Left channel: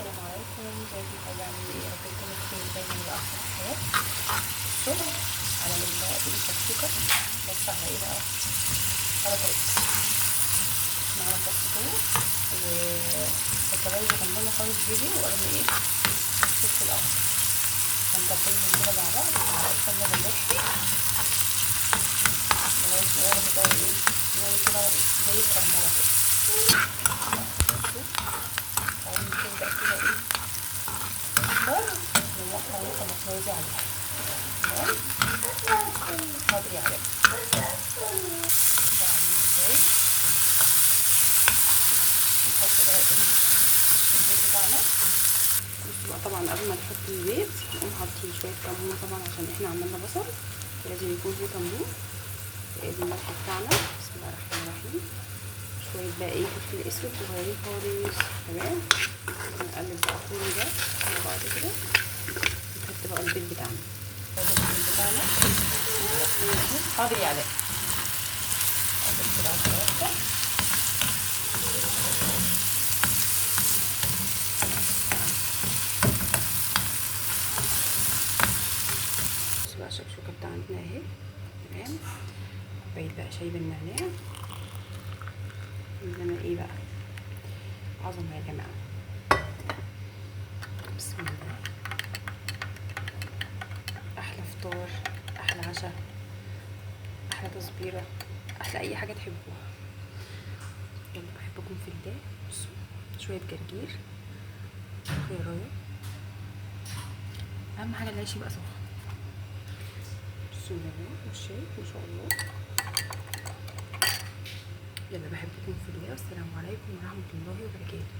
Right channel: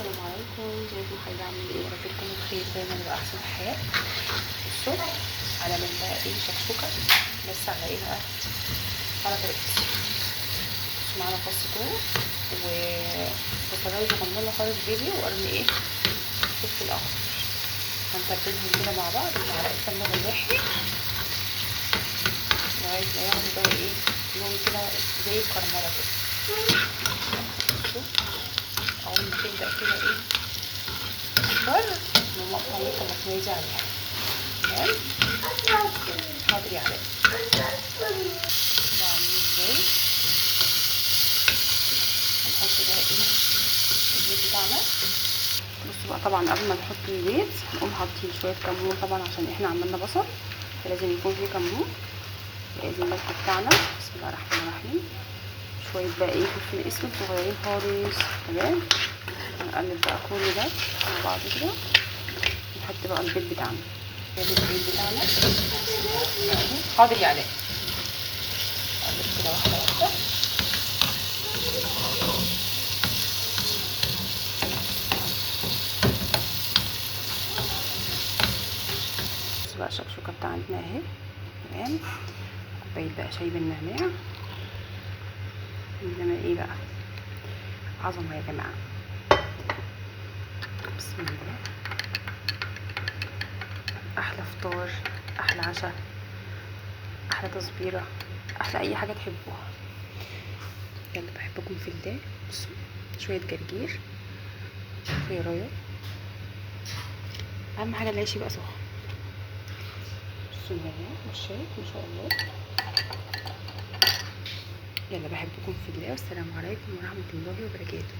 السلام عليكم، ازيكم يا حبايبي؟ عاملين ايه؟ يا رب تكونوا بخير دايما واحسن حال. بصوا على بقى ايه شكشوكه، بس على ايه بقى؟ على طريقتي. معانا فص ثوم وبصلايه صغننه خالص بيبي، وقرن ايه؟ فلفل اخضر. هنتبلهم كده مع بعض معلقه سمنه ملاحي لغايه ما ياخدوا بقى ايه؟ لون كده زي الكرمله كده. بصوا اهو بتبدا كده ايه؟ نقوم قطعين طماطمايه دي عليها. تمام؟ حاضر يا علاء. وعاملين ازاي؟ هنحط بقى ايه؟ الزيت بتاعنا. بصوا بقى طبعا قبل ما نحط الزيت هنقوم حاطين شويه كمون، طبعا عشان احنا عملنا بصل فلازم يكون فيه كمون. ادي الملح بتاعنا، بسم الله الرحمن الرحيم. شويه بقى ايه؟ فلفل اسود صغيرين خالص. تمام؟ نقلب بقى كل ده مع بعض كده. نحط بقى البيض بتاعنا. البيض بتاعنا. حاضر يا علاء. نقلب كده واحده واحده. بص بقى الشكشوكه بتاعتنا اهي. تمام؟ كوبايه بقى شاي بالنعناع. انما ايه بقى؟ عظمه يا جماعه. بسم الله. احلى فطار، احلى عشاء، احلى تصبيره، احلى اي حاجه تحبوها. يلا بحبكم في الله. بصوا شويه جرجير، خيارية، اهم حاجه العيش يبقى سخن. بسم الله والشاي ما شاء الله. يلا بحبكم في الله، والسلام عليكم ورحمه الله وبركاته.